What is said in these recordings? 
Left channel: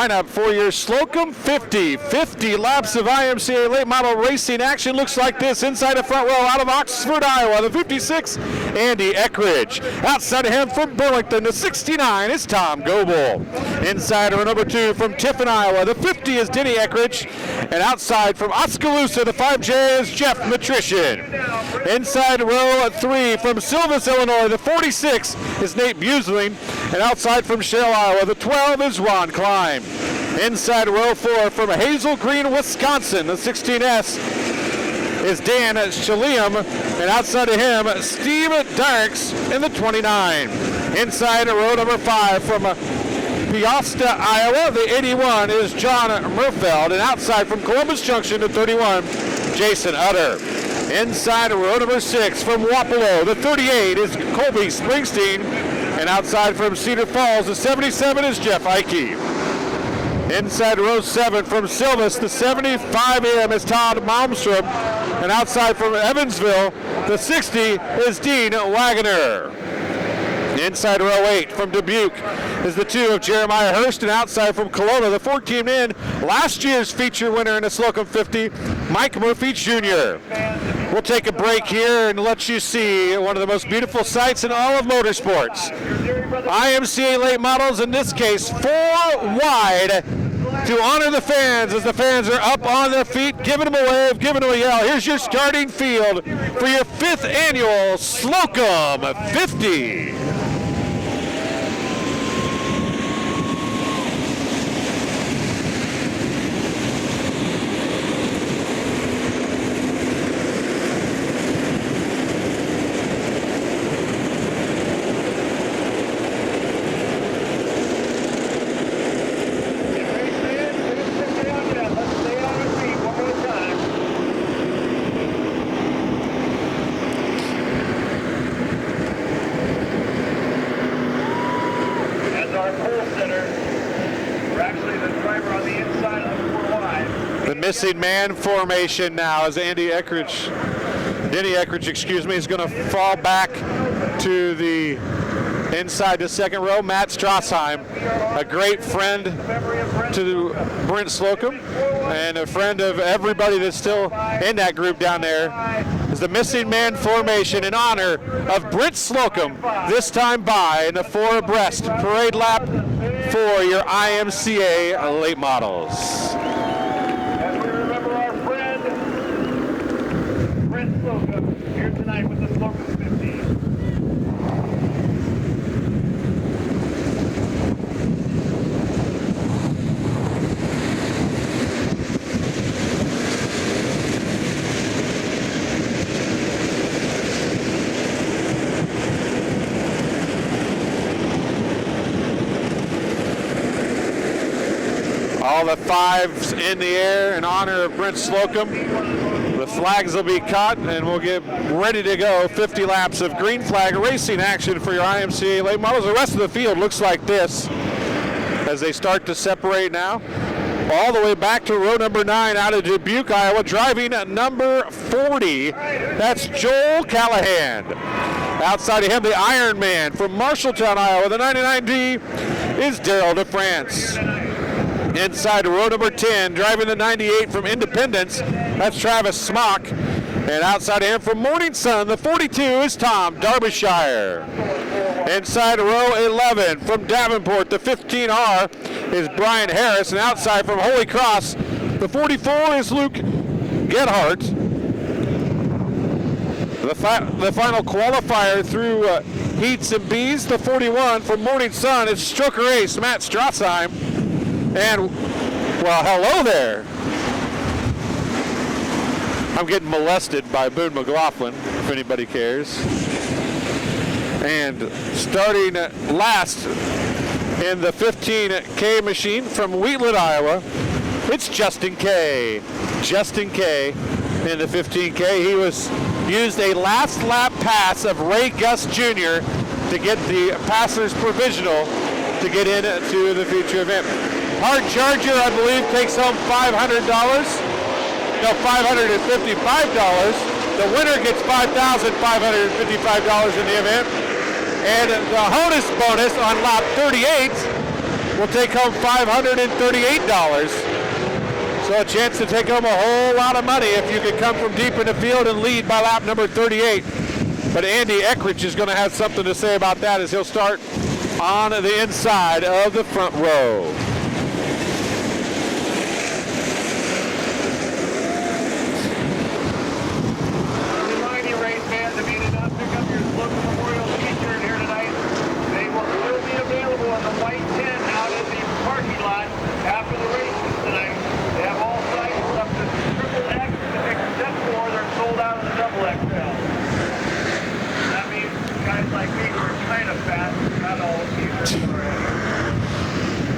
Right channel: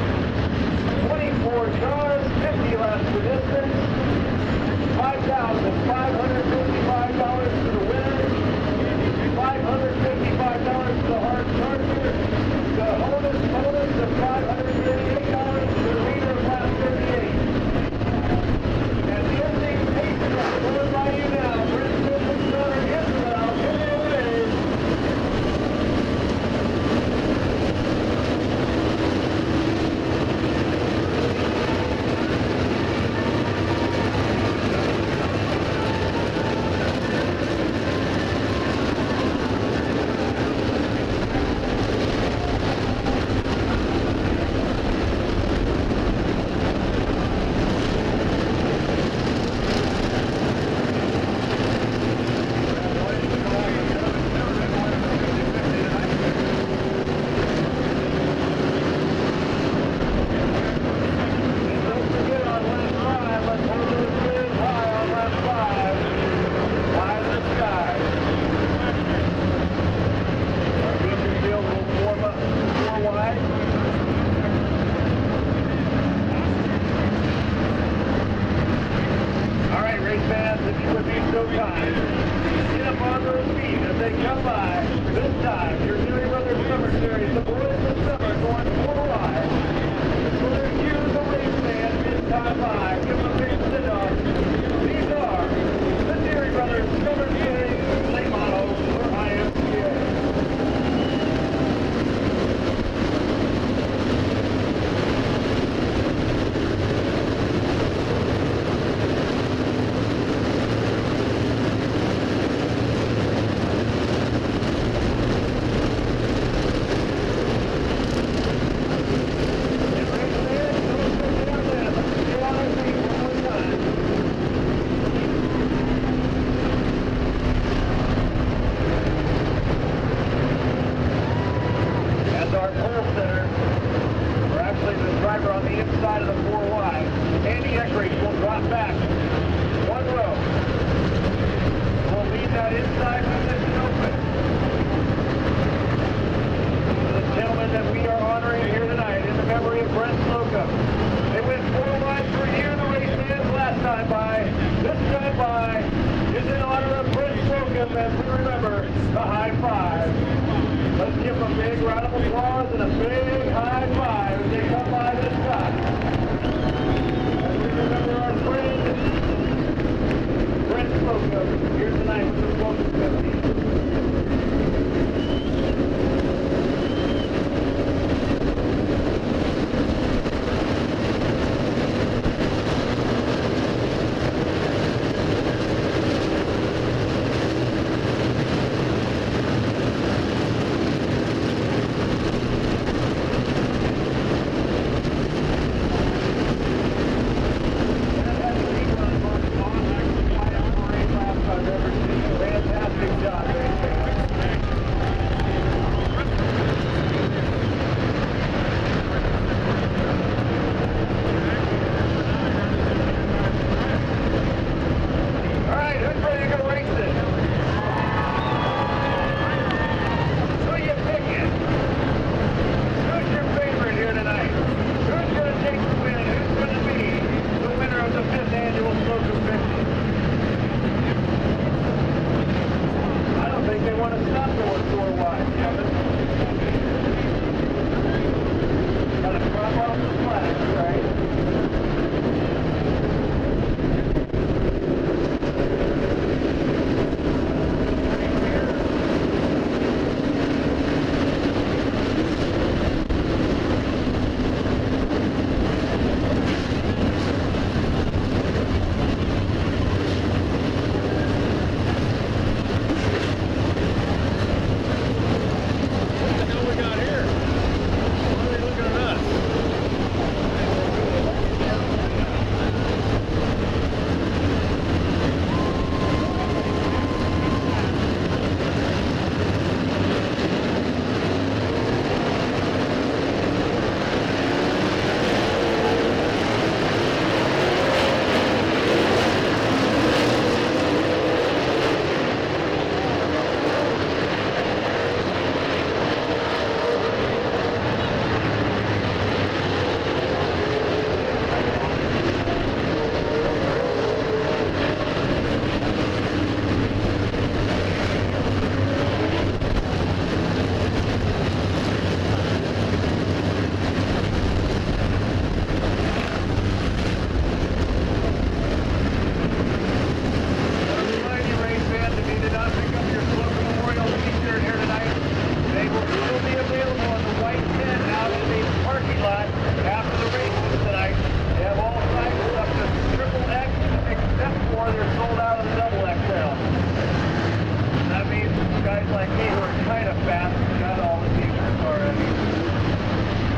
lineup for your Slocum 50 laps of IMCA late model racing action looks like this. Inside the front row out of Oxford, Iowa, the 56, Andy Eckridge. Outside of him from Burlington, the 69 is Tom Goebel. Inside row number 2 from Tiffin, Iowa, the 50 is Denny Eckridge. And outside from Oskaloosa, the 5J is Jeff Matrician. Inside row 3 from Silvis, Illinois, the 46 is Nate Busling. And outside from Shell, Iowa, the 12 is Ron Klein. Inside row 4 from Hazel Green, Wisconsin, the 16S is Dan Shaliam. And outside of him, Steve Darks in the 29. Inside row number 5 from Peosta, Iowa, the 81 is John Murfeld. And outside from Columbus Junction, the 31, Jason Utter. Inside row number 6 from Wapello, the 38 is Colby Springsteen. And outside from Cedar Falls, the 77 is Jeff Heike. Inside row 7 from Silvis, the 75M is Todd Malmstrom. And outside from Evansville, the 60 is Dean Wagoner. Inside row 8 from Dubuque is the 2 of Jeremiah Hurst. And outside from Kelowna, the 14 in, last year's feature winner in the Slocum 50, Mike Murphy Jr. We'll take a break here and let you see one of the most beautiful sights in all of motorsports. IMCA late models, in this case, 4 wide to honor the fans as the fans are up on their feet, giving them a wave, giving them a yell. Here's your starting field for your 5th annual Slocum 50. Man formation now as Denny Eckridge, is going to fall back to the inside the second row. Matt Strassheim, a great friend to Brent Slocum and a friend of everybody that's still in that group down there. Is the missing man formation in honor of Brent Slocum, this time by in the 4 abreast parade lap for your IMCA late models. All the 5s in the air in honor of Brent Slocum. The flags will be cut and we'll get ready to go. 50 laps of green flag racing action for your IMCA late models. The rest of the field looks like this as they start to separate now. All the way back to row number 9 out of Dubuque, Iowa, driving number 40. That's Joel Callahan. Outside of him, the Iron Man from Marshalltown, Iowa, the 99D is Daryl DeFrance. Inside row number 10, driving the 98 from Independence, that's Travis Smock. And outside of him from Morning Sun, the 42 is Tom Derbyshire. Inside row 11 from Davenport, the 15R is Brian Harris. And outside from Holy Cross, the 44 is Luke Gedhardt. The final qualifier through heats and B's, the 41 from Morning Sun is Stroker Ace, Matt Strassheim. And, well, hello there. I'm getting molested by Boone McLaughlin, if anybody cares. And starting last in the 15K machine from Wheatland, Iowa, it's Justin Kay. Justin Kay in the 15K. He used a last lap pass of Ray Gus Jr. to get the passer's provisional to get into the future event. Hard Charger, I believe, takes home $500. No, $555. The winner gets $5,555 in the event. And the bonus on lap 38 will take home $538. So a chance to take home a whole lot of money if you can come from deep in the field and lead by lap number 38. But Andy Eckrich is going to have something to say about that as he'll start on the inside of the front row.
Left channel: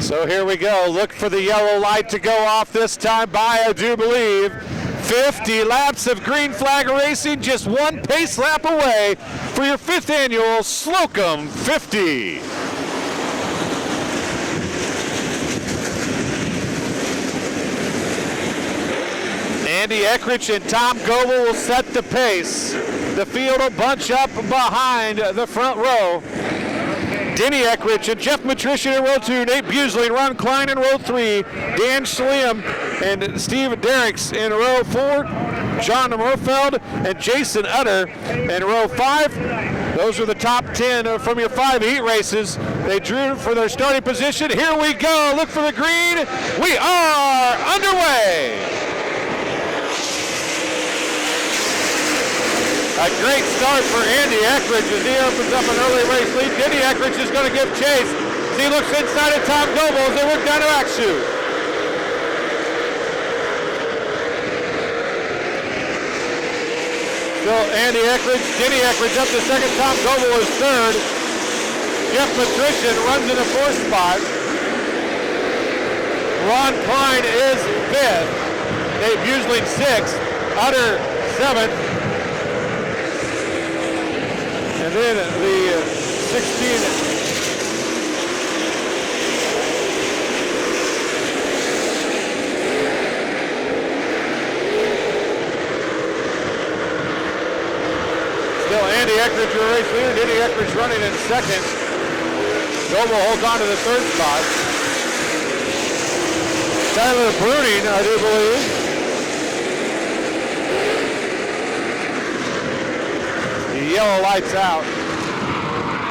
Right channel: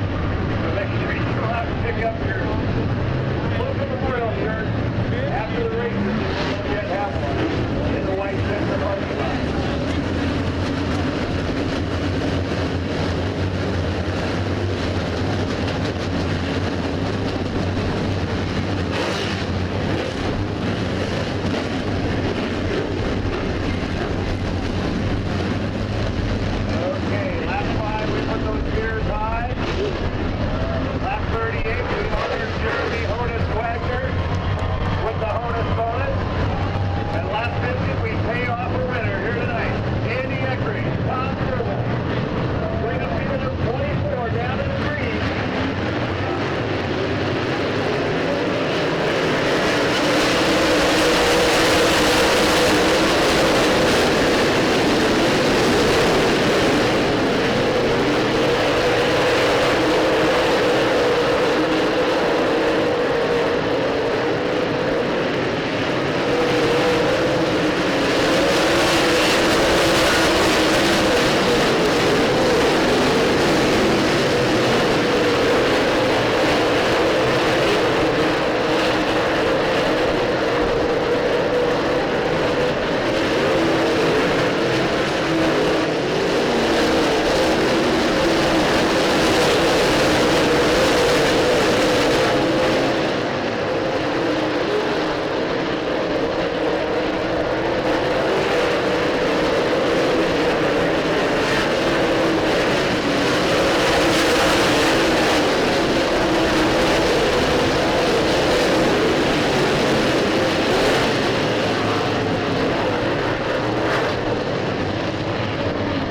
So here we go. Look for the yellow light to go off this time by, I do believe, 50 laps of green flag racing, just one pace lap away for your 5th annual Slocum 50. Andy Eckrich and Tom Goebel will set the pace. The field will bunch up behind the front row. Denny Eckrich and Jeff Matrician in row 2, Nate Busley, Ron Klein in row 3, Dan Schlimm and Steve Derricks in row 4, John Morfeld and Jason Utter in row 5. Those are the top 10 from your 5 heat races. They drew for their starting position. Here we go. Look for the green. We are underway. A great start for Andy Eckrich as he opens up an early race lead. Denny Eckrich is going to give chase. He looks inside of Tom Goebel as they work down to Axu. So Andy Eckrich, Denny Eckrich up to second. Tom Goebel is third. Jeff Patrician runs in the 4th spot. Ron Klein is 5th. Dave Buesling 6th. Utter 7th.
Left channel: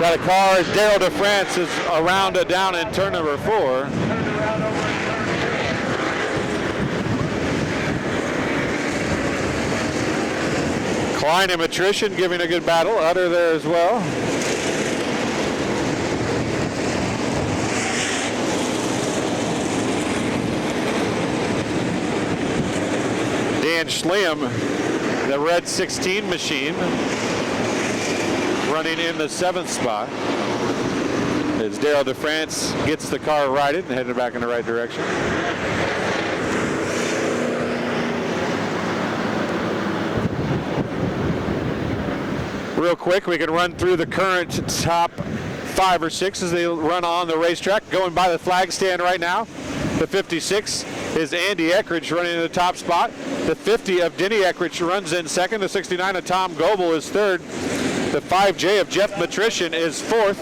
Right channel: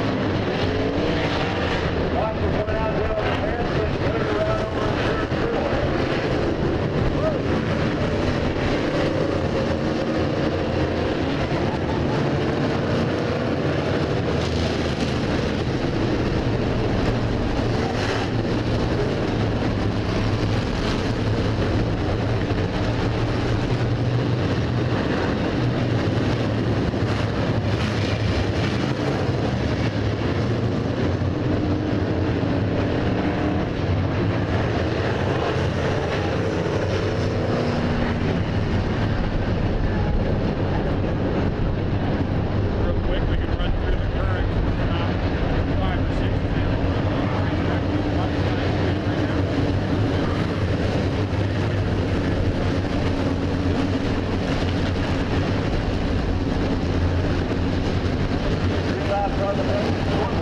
Got a car as Daryl DeFrance is around it down in turn number 4. Klein and Matrician giving a good battle. Utter there as well. Dan Schlimm, the red 16 machine, running in the 7th spot as Daryl DeFrance gets the car righted and headed back in the right direction. Real quick, we can run through the current top 5 or 6 as they run on the racetrack. Going by the flag stand right now, the 56 is Andy Eckrich running in the top spot. The 50 of Denny Eckrich runs in second. The 69 of Tom Goebel is third. The 5J of Jeff Matrician is 4th.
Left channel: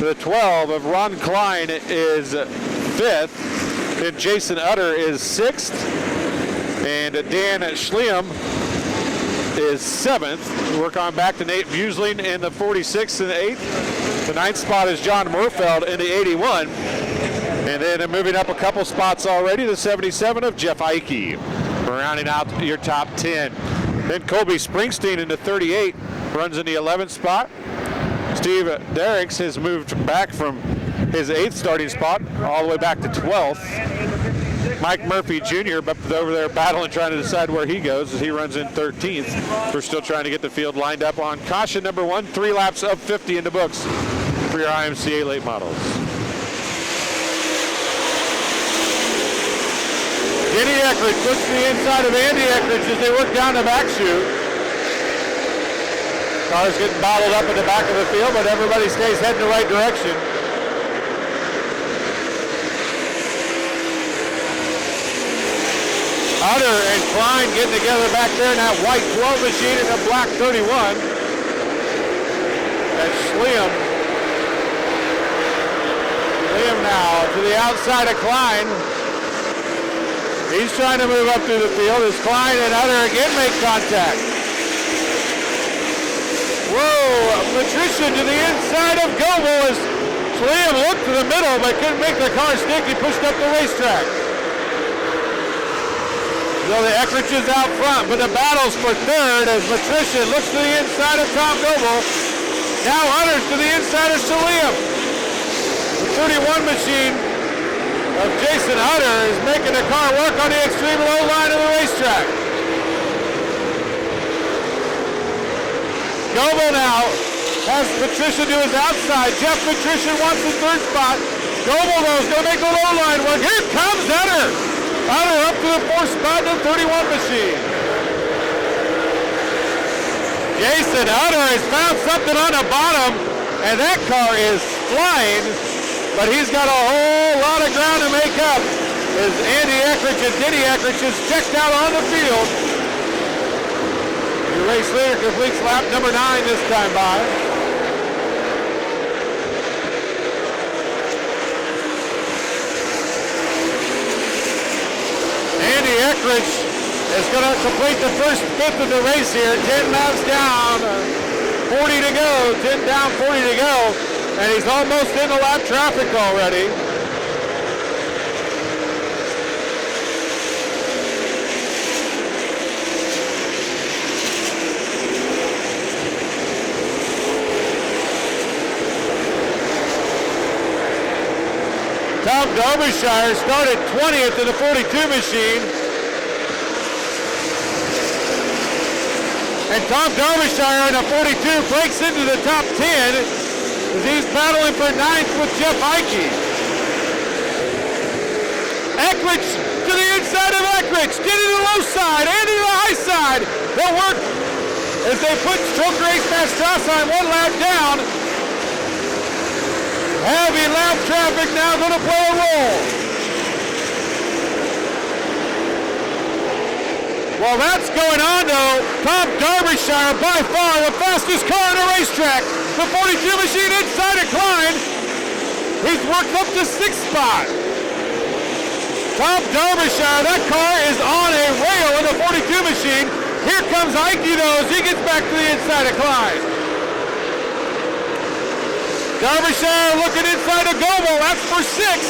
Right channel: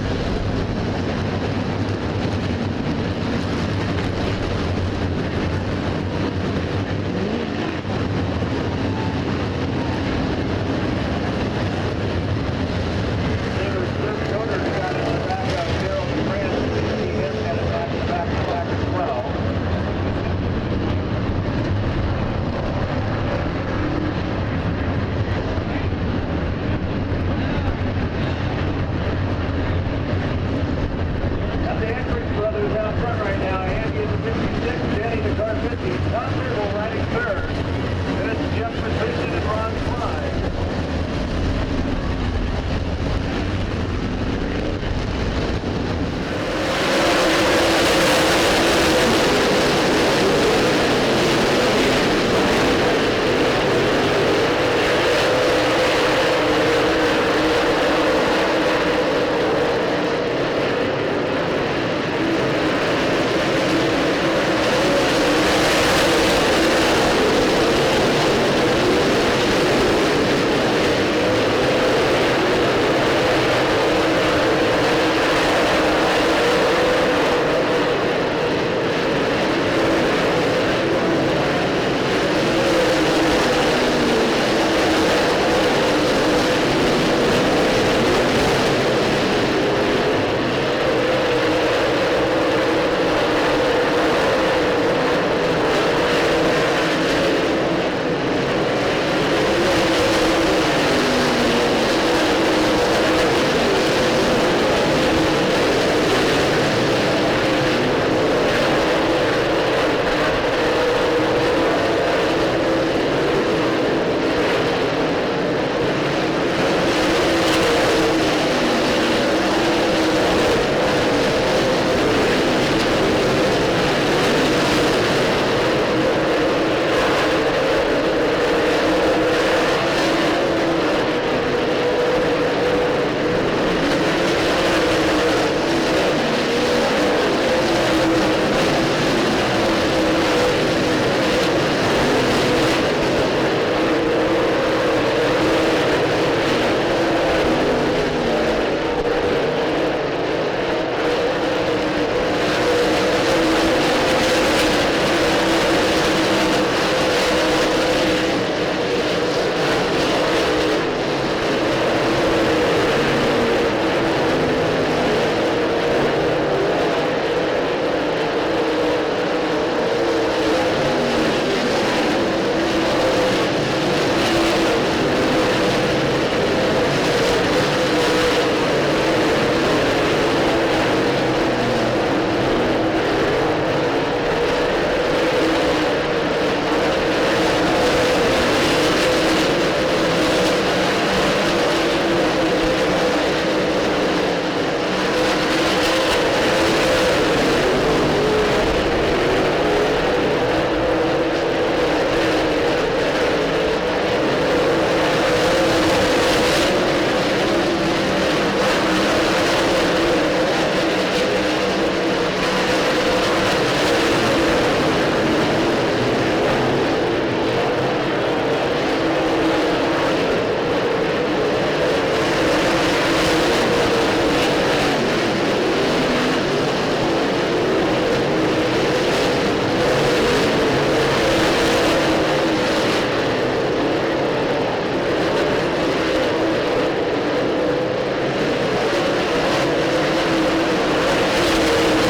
The 12 of Ron Klein is 5th. And Jason Utter is 6th. And Dan Schlimm is 7th. Work on back to Nate Buesling in the 46 and the 8th. The 9th spot is John Morfeld in the 81. And then moving up a couple spots already, the 77 of Jeff Eike. Rounding out your top 10. Then Colby Springsteen in the 38. Runs in the 11th spot. Steve Derricks has moved back from his 8th starting spot all the way back to 12th. Mike Murphy Jr. over there battling, trying to decide where he goes as he runs in 13th. We're still trying to get the field lined up on caution number 1. 3 laps up 50 in the books for your IMCA late models. Denny Eckrich looks to the inside of Andy Eckrich as they work down to Axu. Cars getting bottled up in the back of the field, but everybody stays heading the right direction. Utter and Klein getting together back there in that white 12 machine and the black 31. That's Schlimm. Schlimm now to the outside. other cars sneaking pushed up the racetrack. So the Eckridge is out front, but the battle's for third as Patricia looks to the inside of Tom Noble. Now Hunter to the inside of Salim. 31 machine of Jason Hunter is making the car work on the extreme low line of the racetrack. Noble now has Patricia to his outside. Jeff Patricia wants the third spot. Noble though is going to make the low line work. Here comes Hunter. Hunter up to the fourth spot in the 31 machine. Jason Hunter has found something on the bottom, and that car is flying, but he's got a whole lot of ground to make up. As Andy Eckridge and Denny Eckridge is checked out on the field. The race leader completes lap number 9 this time by. Andy Eckridge is going to complete the first fifth of the race here. 10 laps down, 40 to go. 10 down, 40 to go. And he's almost in the lap traffic already. Tom Derbyshire started 20th in the 42 machine. And Tom Derbyshire on the 42 breaks into the top 10. He's battling for 9th with Jeff Heike. Eckridge to the inside of Eckridge. Get to the low side and to the high side. They'll work as they put Choke Race Dash South Side 1 lap down. Heavy lap traffic now going to play a role. Well, that's going on though. Tom Derbyshire by far the fastest car in the racetrack. The 42 machine inside of Klein. He's worked up to 6th spot. Tom Derbyshire, that car is on a rail in the 42 machine. Here comes Ike though as he gets back to the inside of Klein. Derbyshire looking inside of Noble. That's for 6th.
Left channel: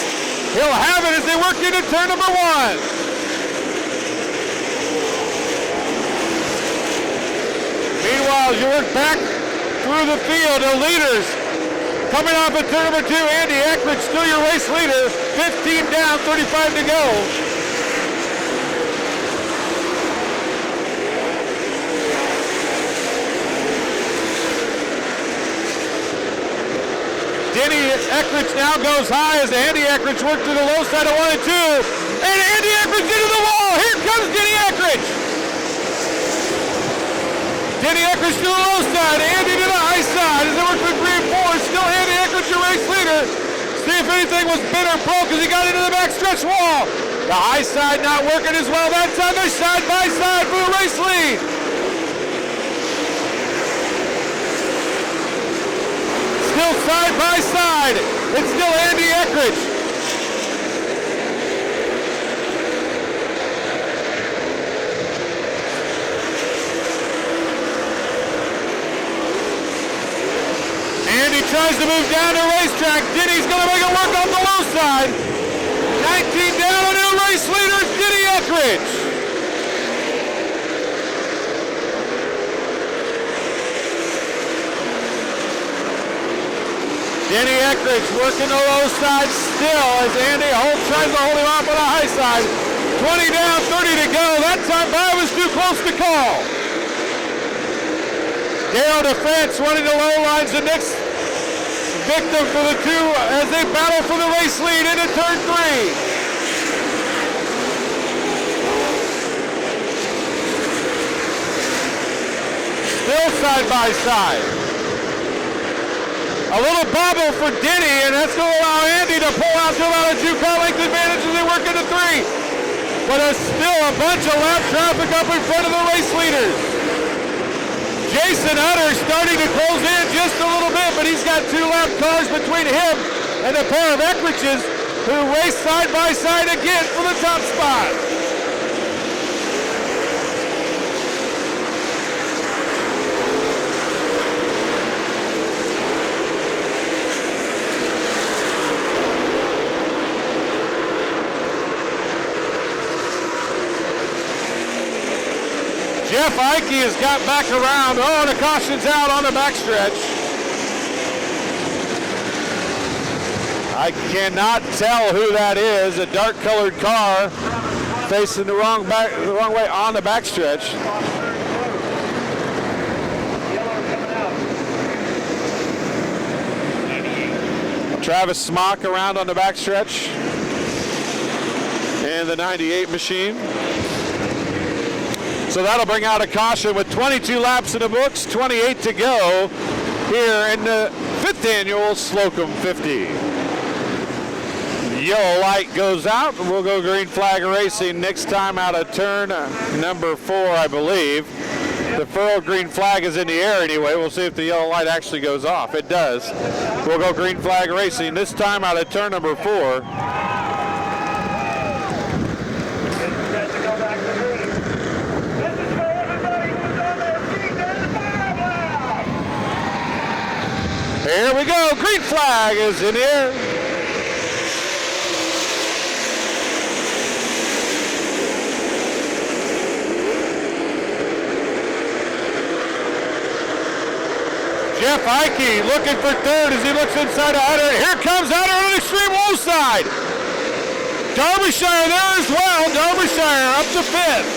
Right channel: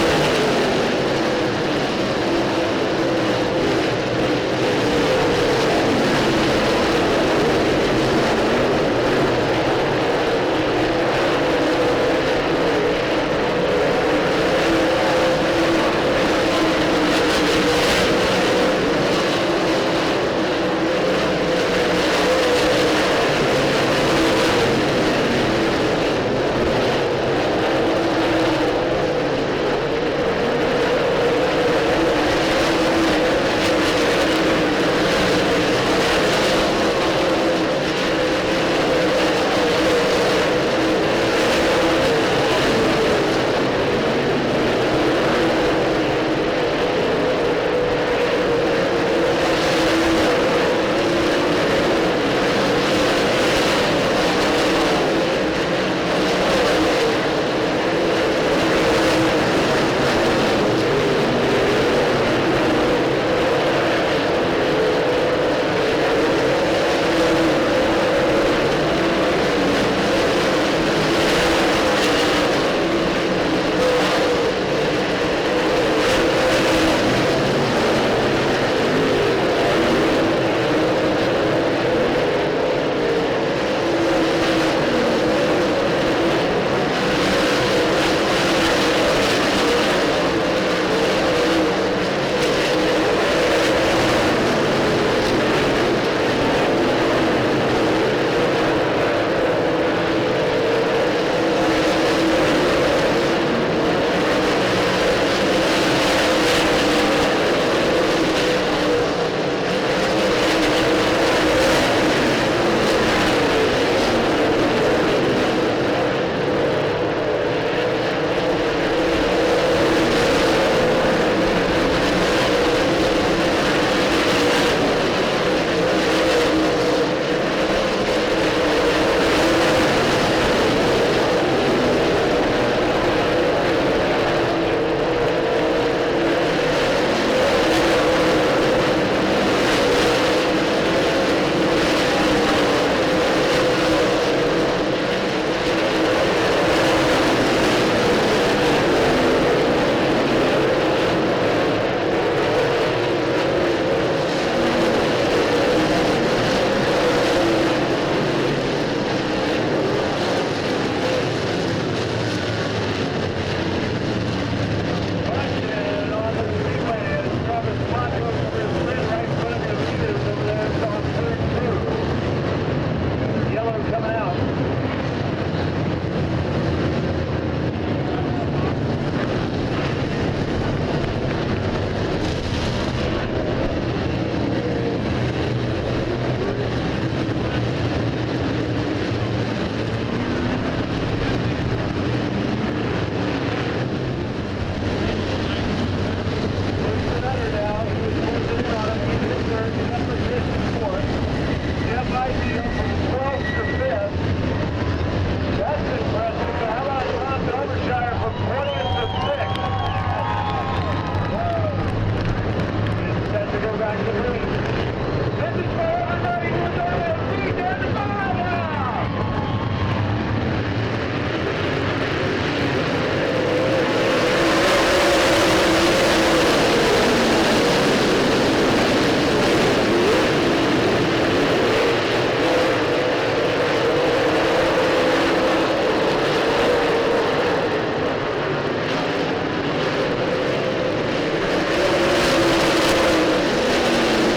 He'll have it as they work into turn number 1. Back through the field, the leaders coming off of turn number 2. Andy Eckridge still your race leader. 15 down, 35 to go. Denny Eckridge now goes high as Andy Eckridge works to the low side of 1 and 2. And Andy Eckridge into the wall. Here comes Denny Eckridge. Denny Eckridge to the low side, Andy to the high side. As they work with 3 and 4, it's still Andy Eckridge the race leader. See if anything was bit or broke as he got into the backstretch wall. The high side not working as well. That time they're side by side for the race lead. Still side by side. It's still Andy Eckridge. Running the low lines, the next victim for the 2 as they battle for the race lead into turn 3. Still side by side. A little bobble for Denny, and that's going to allow Andy to pull out the other 2-car length advantage as they work into 3. But there's still a bunch of lap traffic up in front of the race leaders. Jason Hunter starting to close in just a little bit, but he's got 2 lap cars between him and a pair of Eckridges who race side by side again for the top spot. cautions out on the backstretch. I cannot tell who that is. A dark-colored car facing the wrong way on the backstretch. Travis Smock around on the backstretch, and the 98 machine. So that'll bring out a caution with 22 laps in the books, 28 to go here in the 5th Annual Slocum 50. Yellow light goes out, and we'll go green flag racing next time out of turn number 4, I believe. The full green flag is in the air anyway. We'll see if the yellow light actually goes off. It does. We'll go green flag racing this time out of turn number 4. Here we go. Green flag is in the air. Looking for third as he looks inside of Hunter. Here comes Hunter on the extreme wall side. Derbyshire there as well. Derbyshire up to 5th.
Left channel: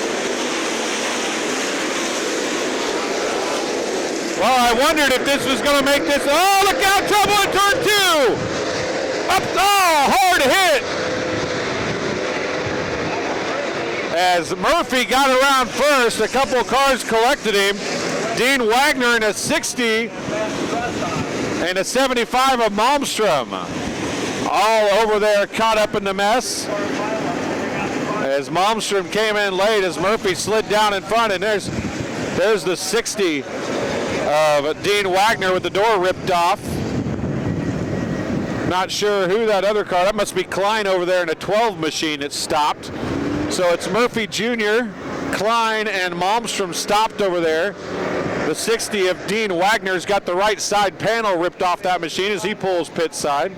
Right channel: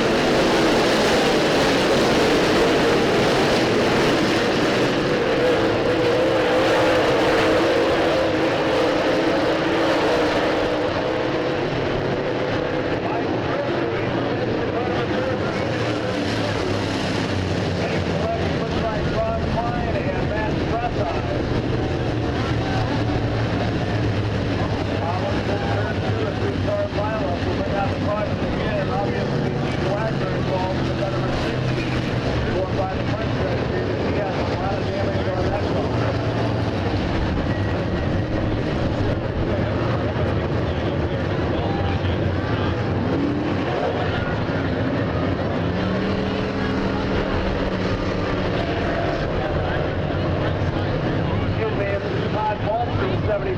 Well, I wondered if this was going to make this. Oh, look out, trouble in turn 2. Up, oh, hard hit. As Murphy got around first, a couple of cars collected him. Dean Wagner in a 60. And a 75 of Malmstrom. All over there caught up in the mess. As Malmstrom came in late, as Murphy slid down in front, and there's the 60 of Dean Wagner with the door ripped off. Not sure who that other car, that must be Klein over there in a 12 machine that stopped. So it's Murphy Jr., Klein, and Malmstrom stopped over there. The 60 of Dean Wagner's got the right side panel ripped off that machine as he pulls pit side.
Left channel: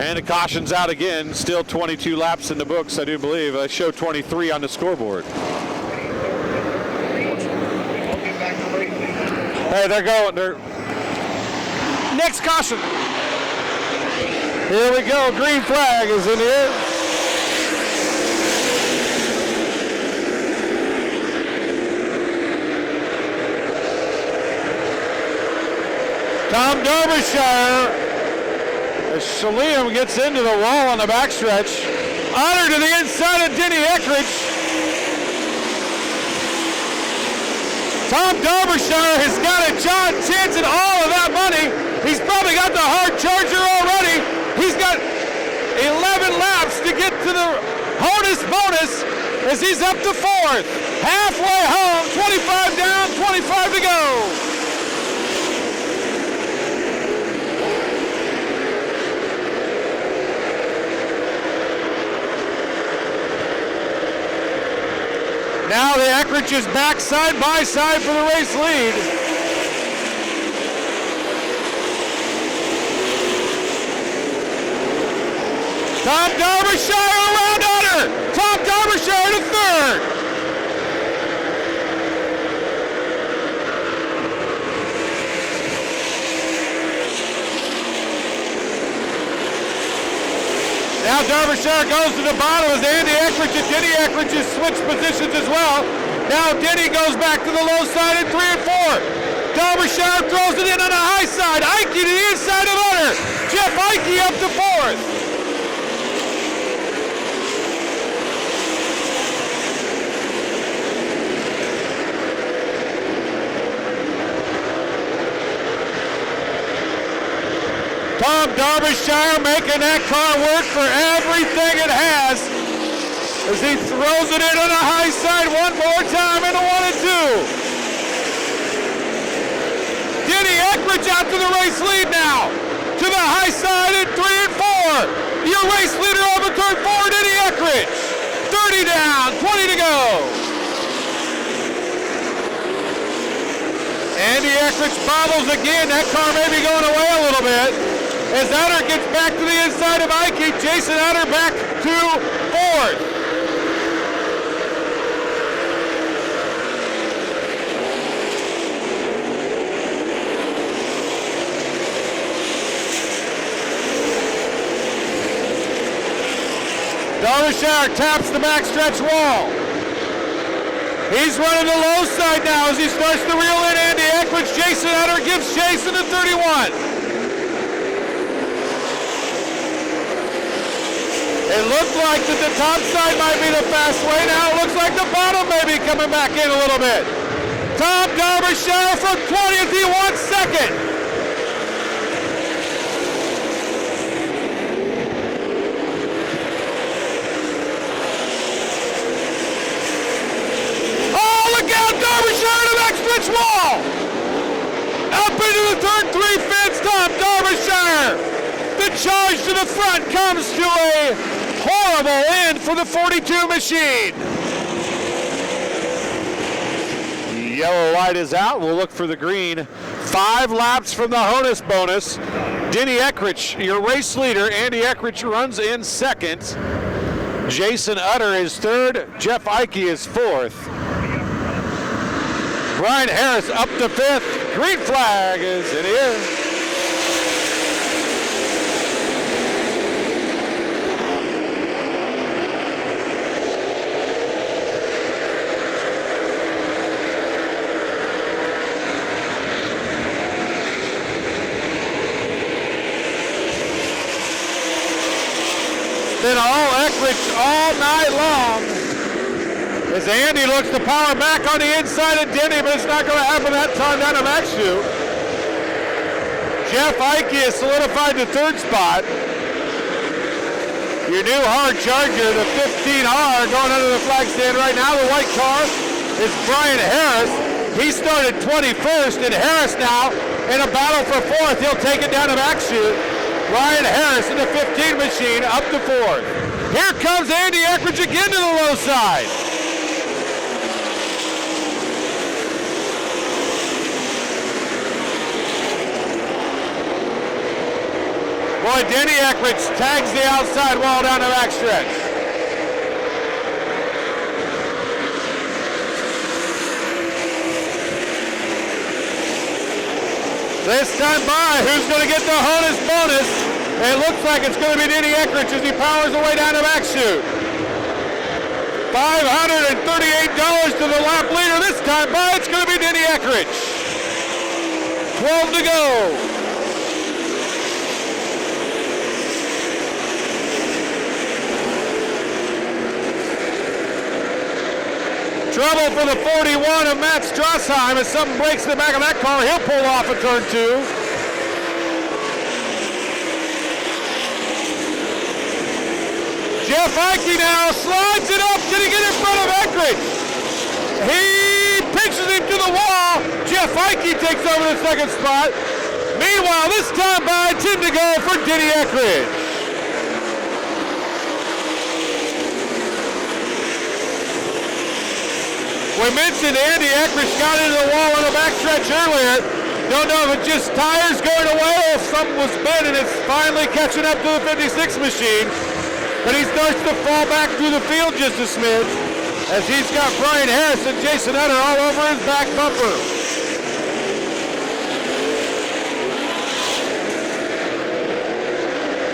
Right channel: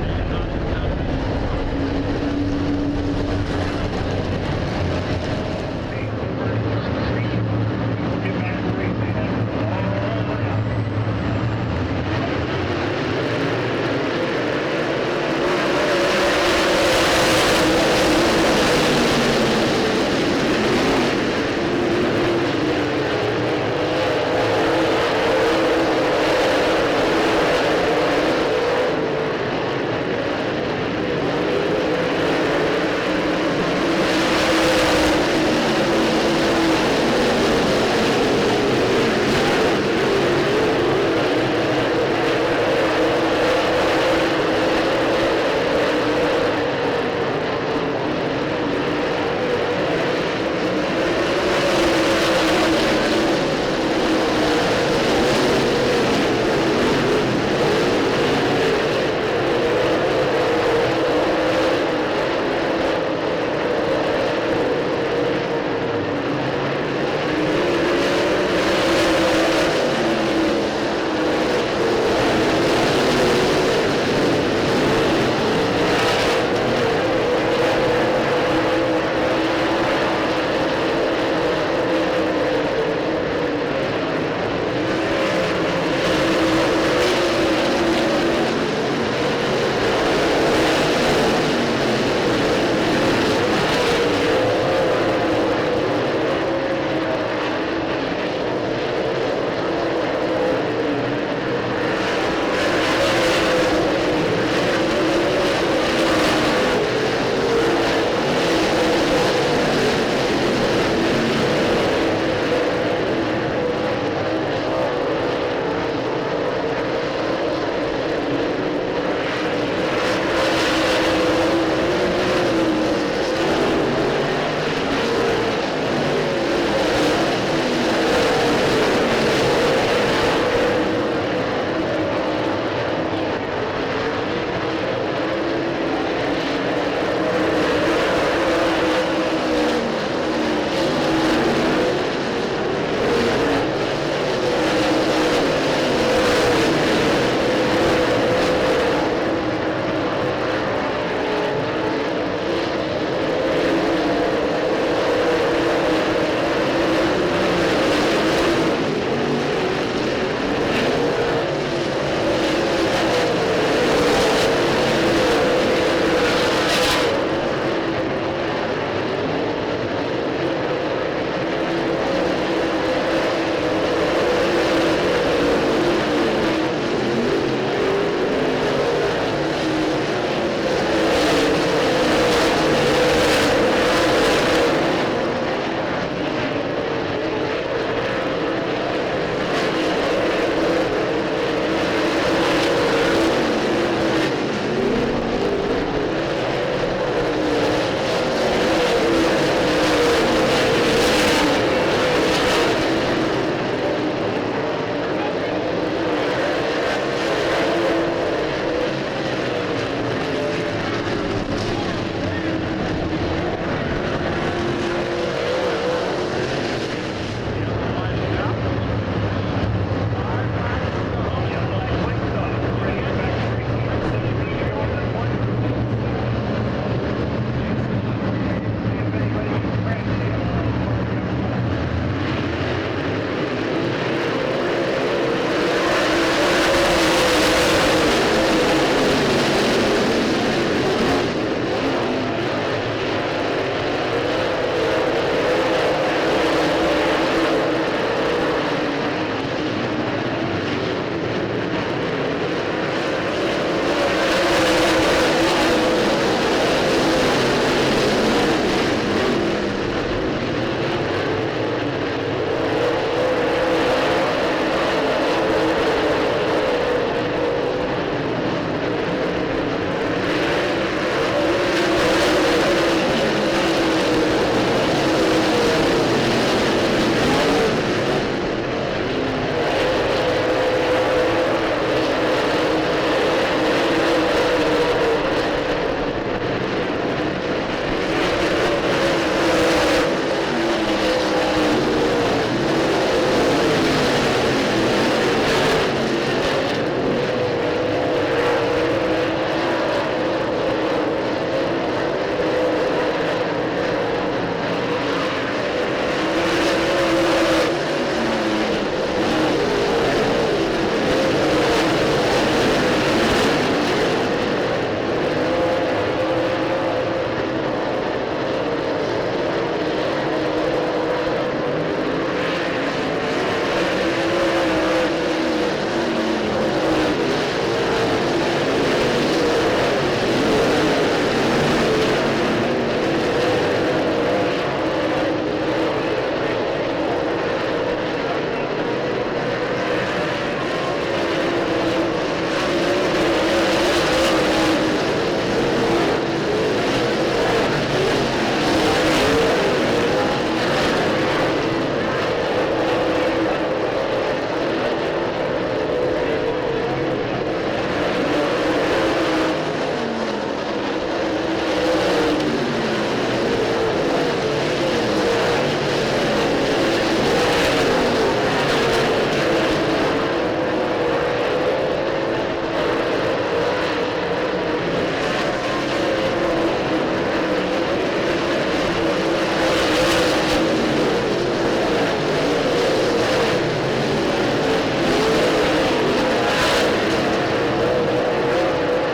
And the caution's out again. Still 22 laps in the books, I do believe. I showed 23 on the scoreboard. Hey, they're going. Next caution. Here we go. Green flag is in the air. Gets into the wall on the backstretch. Honor to the inside of Denny Eckridge. Tom Derbyshire has got a John chance at all of that money. He's probably got the hard charger already. He's got 11 laps to get to the bonus as he's up to 4th. Halfway home, 25 down, 25 to go. Is back side by side for the race lead. Tom Derbyshire around Hunter. Tom Derbyshire to 3rd. Now Derbyshire goes to the bottom as Andy Eckridge and Denny Eckridge has switched positions as well. Now Denny goes back to the low side in 3 and 4. Derbyshire throws it in on the high side. Ike to the inside of Hunter. Jeff Ike up to 4th. Tom Derbyshire making that car work for everything it has as he throws it in on the high side one more time in a 1 and 2. Denny Eckridge out to the race lead now. To the high side in 3 and 4. Your race leader over turn 4, Denny Eckridge. 30 down, 20 to go. Andy Eckridge bobbles again. That car may be going away a little bit. As Hunter gets back to the inside of Ike, Jason running the low side now as he starts to reel in Andy Eckridge. Jason Utter gives Jason the 31. It looked like that the top side might be the fast way. Now it looks like the bottom may be coming back in a little bit. Tom Darbyshire from 20th, he won second. Charge to the front comes to a horrible end for the 42 machine. Yellow light is out. We'll look for the green. 5 laps from the Honus bonus. Denny Eckridge, your race leader. Andy Eckridge runs in second. Jason Utter is third. Jeff Ike is fourth. Brian Harris up to fifth. Green flag as it is. Andy looks to power back on the inside of Denny, but it's not going to happen that time down to that shoe. Jeff Ike is solidified to third spot. Your new hard charger, the 15R, going under the flag stand right now. The white car is Brian Harris. He started 21st, and Harris now in a battle for fourth. He'll take it down to back shoe. Brian Harris in the 15 machine up to fourth. Here comes Andy Eckridge again to the low side. Denny Eckridge tags the outside wall down the backstretch. This time by, who's going to get the Honus bonus? It looks like it's going to be Denny Eckridge as he powers away down the back chute. $538 to the lap leader. This time by, it's going to be Denny Eckridge. 12 to go. Trouble for the 41 of Matt Strassheim. As something breaks in the back of that car, he'll pull off in turn 2. Jeff Ike now slides it up. Did he get in front of Eckridge? He pinches him to the wall. Jeff Ike takes over the second spot. Meanwhile, this time by 10 to go for Denny Eckridge. We mentioned Andy Eckridge got into the wall on the backstretch earlier. Don't know if it's just tires going away or something was spin and it's finally catching up to the 56 machine. But he starts to fall back through the field just a smidge as he's got Brian Harris and Jason Utter all over his back bumper.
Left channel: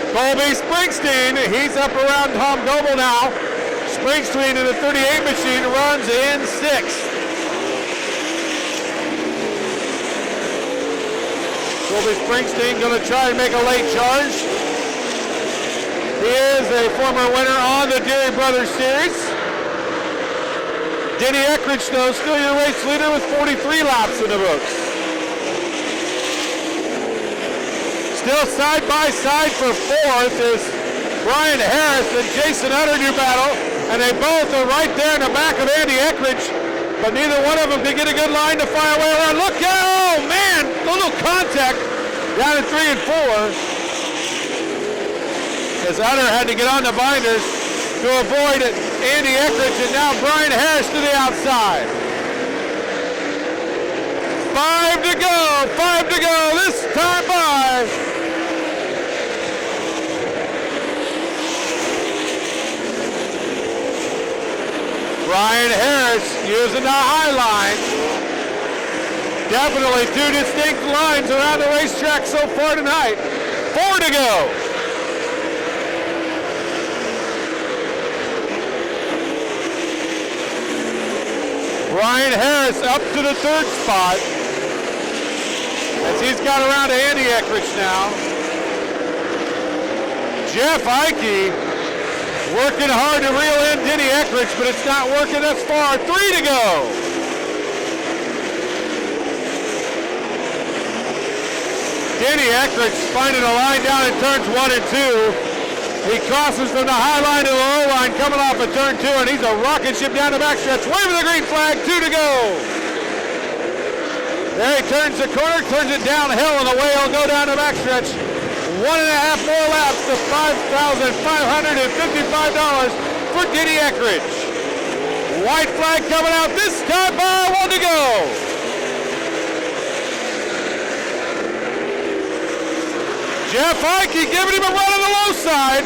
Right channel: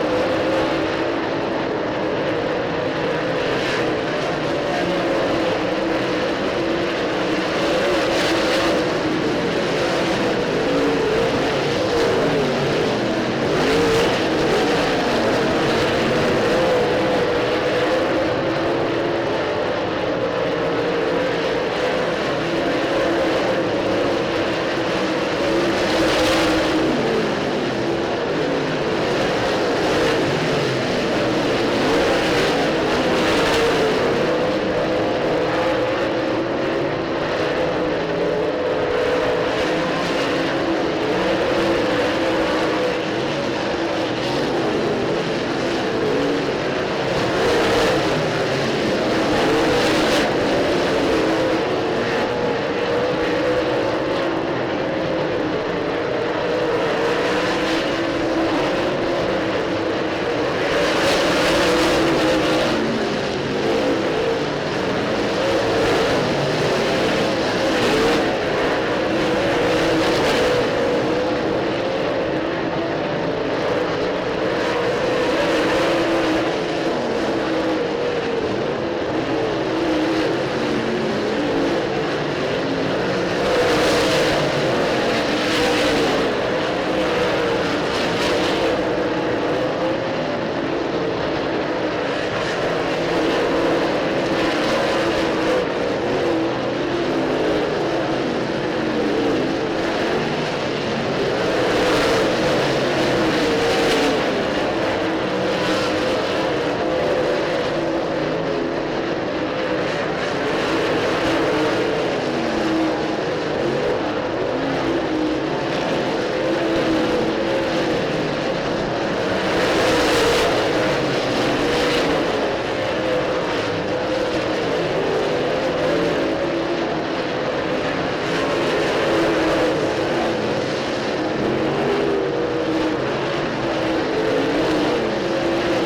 Colby Springsteen, he's up around Tom Noble now. Springsteen in the 38 machine runs in 6th. Springsteen going to try and make a late charge. He is a former winner on the Deary Brothers Series. Denny Eckridge, though, still your race leader with 43 laps in the books. Still side by side for fourth is Brian Harris and Jason Utter in your battle. And they both are right there in the back of Andy Eckridge, but neither one of them can get a good line to fire away around. Look out, oh man, a little contact down at 3 and 4. As Utter had to get on the binders to avoid Andy Eckridge, and now Brian Harris to the outside. 5 to go, this time by. Brian Harris using the high line. Definitely 2 distinct lines around the racetrack so far tonight. 4 to go. Ryan Harris up to the third spot. As he's got around to Andy Eckridge now. Jeff Ike working hard to reel in Denny Eckridge, but it's not working thus far. 3 to go. Denny Eckridge finding a line down in turns 1 and 2. He crosses from the high line to the low line coming off of turn 2, and he's a rocket ship down the backstretch. Waving the green flag, 2 to go. There he turns the corner, turns it downhill, and away he'll go down the backstretch. 1.5 more laps for $5,555 for Denny Eckridge. White flag coming out this time by 1 to go. Jeff Ike giving him a run on the low side.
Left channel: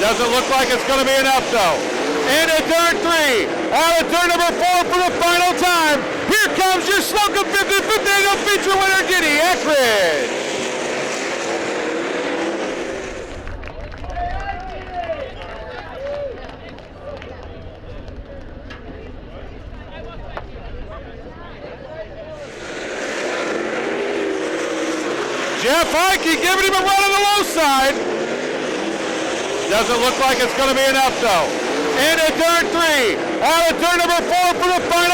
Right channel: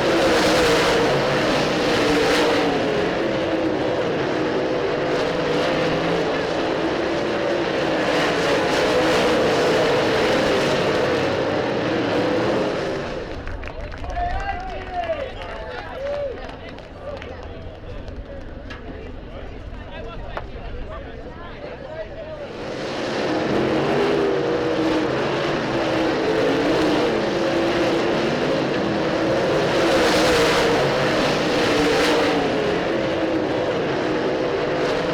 Doesn't look like it's going to be enough though. And in turn 3, on to turn number 4 for the final time. Here comes your Slocum 50-50 annual feature winner, Denny Eckridge. Jeff Ike giving him a run on the low side. Doesn't look like it's going to be enough though. And in turn 3, on to turn number 4 for the final